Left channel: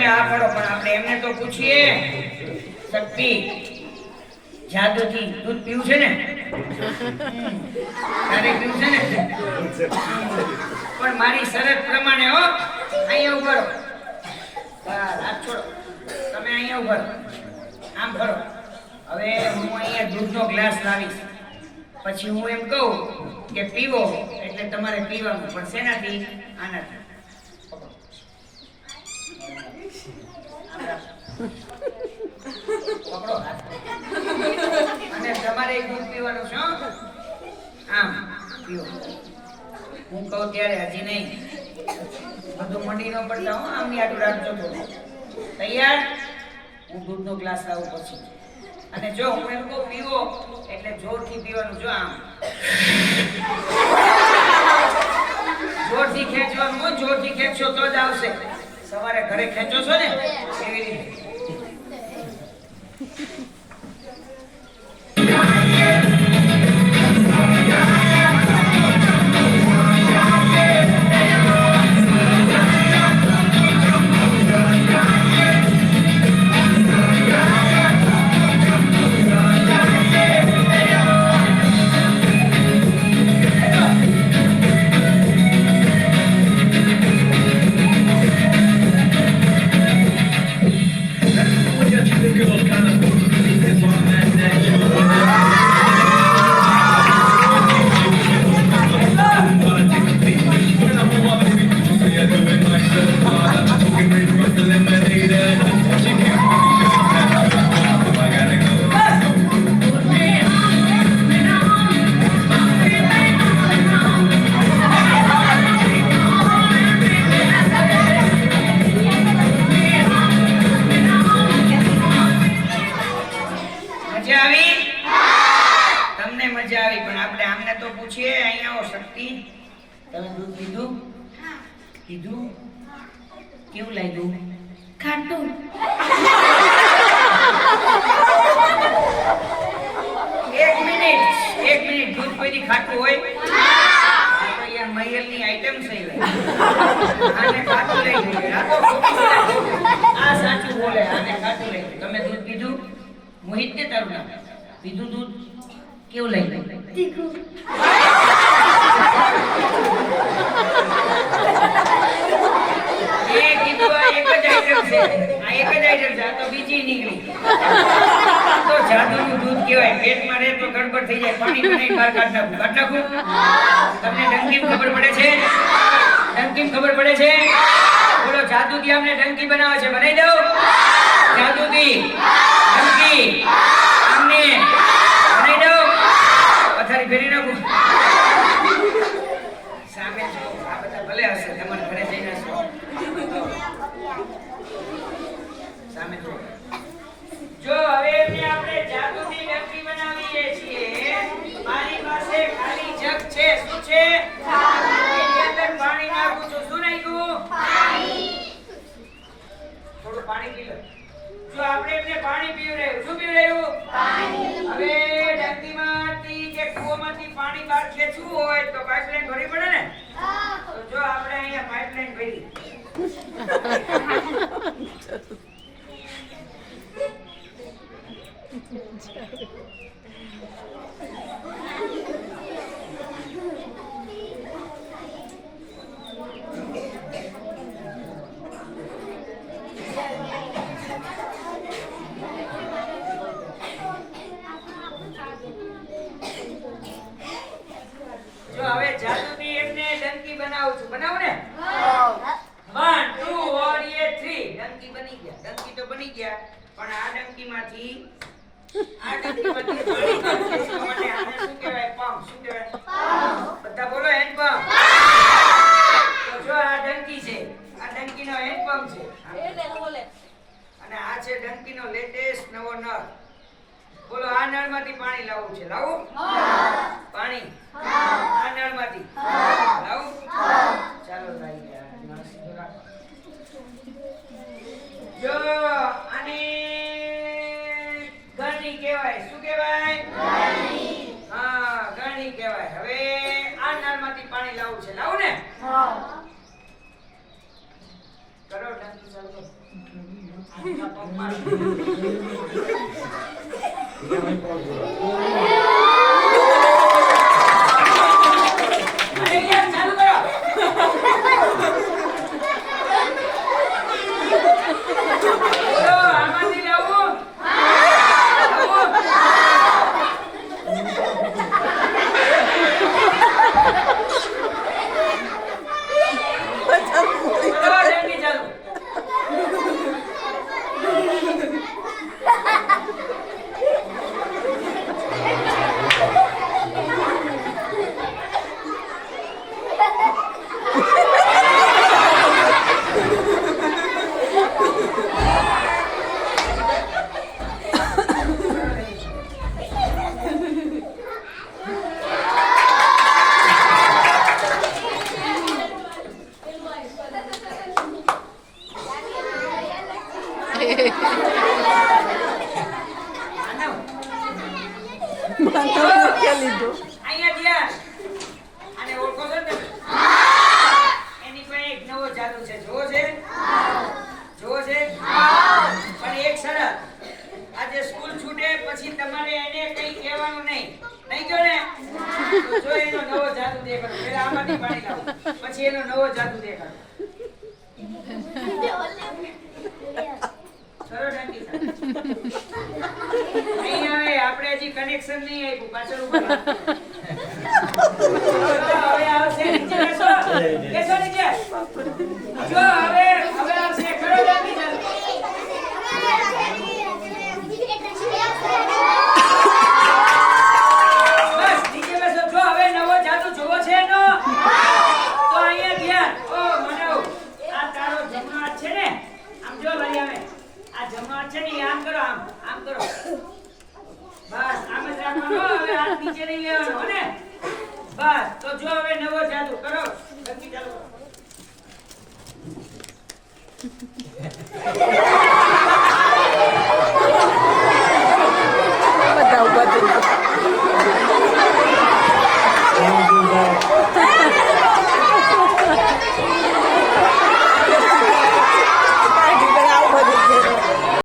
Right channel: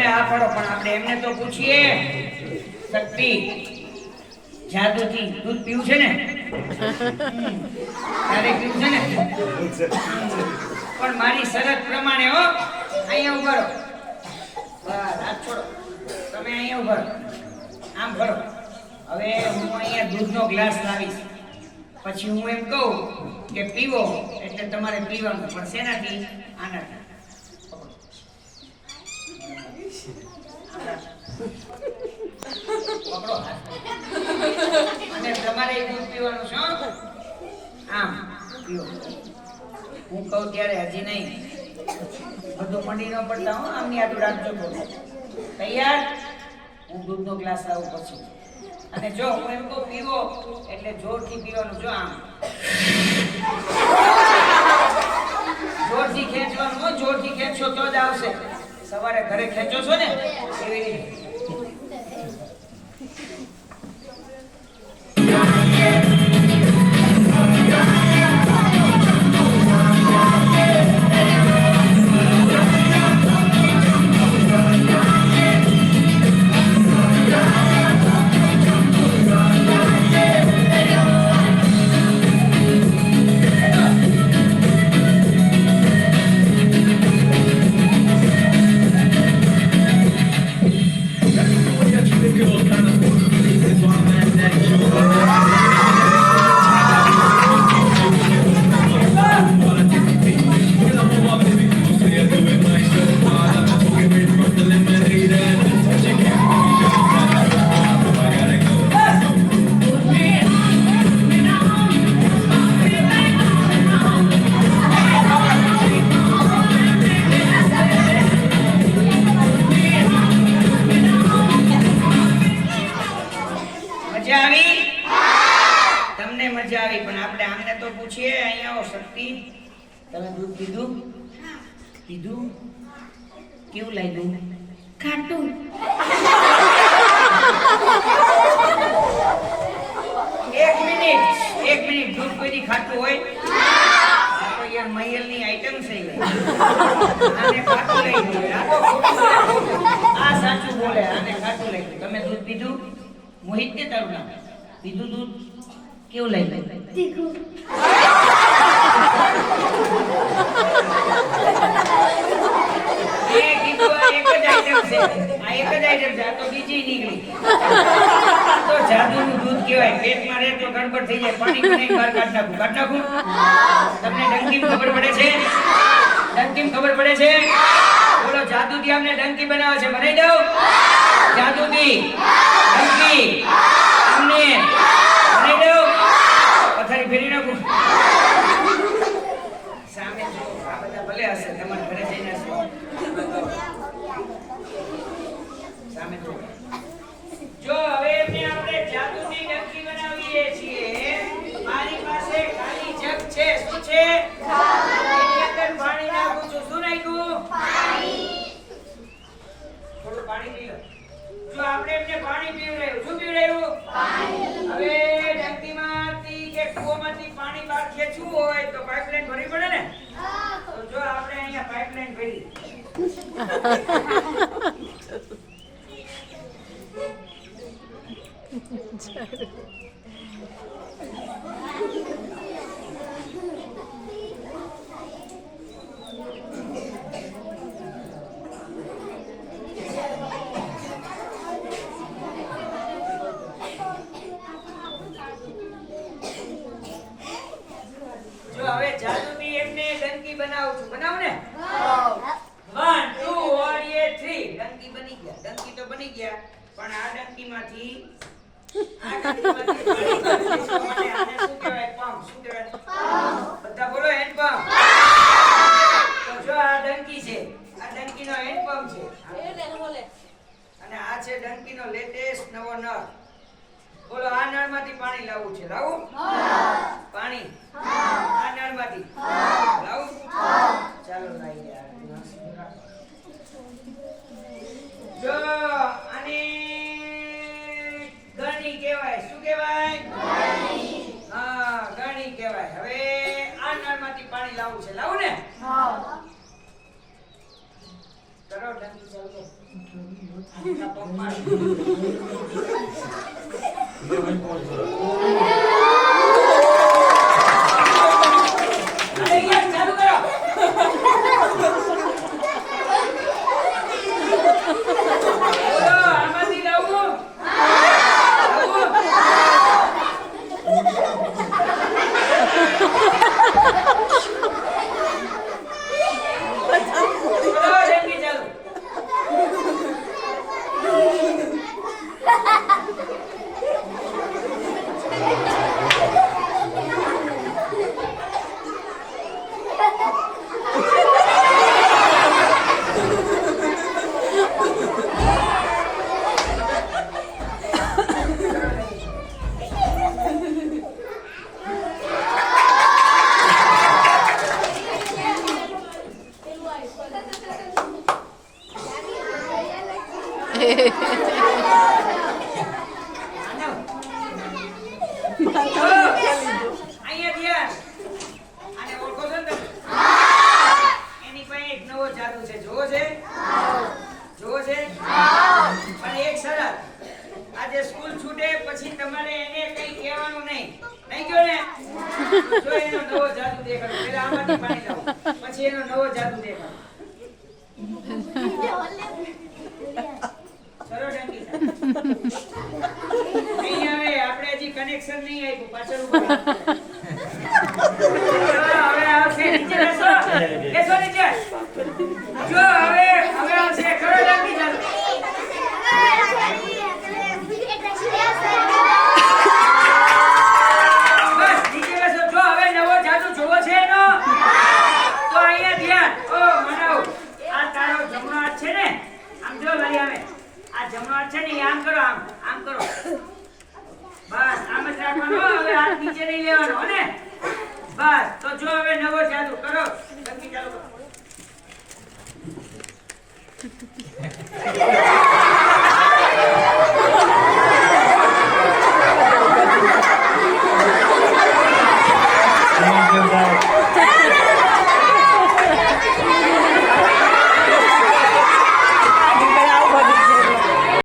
તમે આ કરો પણ આપણે એમને તો પૂછીએ શક્તિ જાદુથી દૂધ પીવું છે ને તારે પીવું છે ને પણ મારી શરત પ્રમાણે હો અહીંયા ઉભો રહો બસ હાથ છોડો તમે અહીંયા ઉભો રહો આમ કરો હવે હું અહીંયા દૂધનો ગ્લાસ લાવીશ પછી હું એમ કહું કે પીવો એટલે તમારે પીવાનું પણ શેનાથી આનાથી પકડો અને તમારે દૂધ પીવાનું છે આમ પીવો હું કહું ત્યારે હજી નહીં બધું મંડી નો પડતા હું આમની આટલું રાખજો થોડું તૈયાર હું દૂધનો ગ્લાસ લાવું પછી અને જો હું એમ કહું પીવો એટલે જોરથી પીવાનું જો આમ જોરથી ખેંચવાનું જોરથી ખેંચશો તો જ આવશે સવારે ઘરે ખેંચો છો ને એવી રીતે તમે દૂધ પીધું પીધું કેવું લાગ્યું ખાટું એક મિનિટ દૂધ કોઈથી ખાટું હોય આ તો યાર મહેલની આઈટમ છે આને ખાટું લઈ ગયું આ સાચું બોલે આને ખાટું લઈ ગયું તમે દૂધ પીધું મોહિત ને તારું નામ પીધું દૂધ કેવું લાગ્યું તીખું બીજી નીકળી તો જાદુનું દૂધ કહેવાય પેટમાં રહે તો ગડબડ થઈ જાય પાણી બનાવી બહાર કાઢ નાખું તમને ડંકી ખબર પડે છે ખબર પડે છે બોલો જાદુથી અમને ડંકી બનાવે છે બનાવી દઉં જાદુથી ડંકી અમને બનાવી દઉં પથારી ફેરી નાખું સામે જો આ બધા ભલે હશે તમારા ઘરે જઈને હશે સામે જો હવે એમને આપણે જાદુની ડંકી બનાવીએ છીએ મારી પાસે ખાલી જગ છે શું છે એની અંદર પાણી નાખું છું શું નાખ્યું પાણી થોડું પાણી પી લો જો આપણે એમને પાણી પીવડાવ્યું શું પીવડાવ્યું પાણી હવે ડંકીમાંથી કે કૂવામાંથી પાણી બહાર ખેંચવું હોય તો પાઇપલાઇન ભરવી પડે ને તો જો આપણે અહીંયા પાઇપલાઇન ભરી જો હવે જાદુની એમને ડંકી બનાવું છું બનાવું ને 1 2 और ये 3 ડંકી બની ગયા ડંકી તો બની ગયા પણ આ ડંકીમાંથી પાણી કાઢીએ તો માટે આને શું કહેવાય પંપ શું કહેવાય બધા બોલો હેન્ડ પંપ તો જો આ ડંકી છે આ ડંકીનો હેન્ડ પંપ છે અને આ છે ડંકીનો લેટેસ્ટ નવો નળ બોલો આ નળમાંથી પાણી લાવવું છે લાવું પાણી આ નળમાંથી લાવું ચાલો લાવી ગયા જો આને ગણી કહેવાય શું કહેવાય ગણી હા ગણી કહેવાય હવે આ નળમાંથી પાણી લાવવું છે લાવું ને કરો ડંકી આટલા પગ મારો. અરે યાર ચાલુ કરો. બોલો આમાંથી લાવું. પછી એનો નવો જાદુ દેખાડો. સરસ ડંકી નહીં આવે, આપણે હજી કનેક્શન નહીં આપ્યું, પાછળ ઉપર હવે આવશે. નીચે બેસો, બેસો નીચે. જો હવે આવશે ખરો ડંકી ચાલો. બસ નીચે બેસો. જો હવે નવો જાદુ જોવો છે એનો તો અહીંયા ધ્યાન. ઓ મનાવ, આ તારો જમણો હાથ છે ને, આમ જો લઈ આવે. આ જમણો હાથ છે ને આમ કરો, આમ કરો. બસ આમ જ રાખવાનો. હવે હાથ નીચે નહીં લેવાનો હો ને. બસ તો જો હવે નવો જાદુ કરો. ડંકી ચાલુ કરો.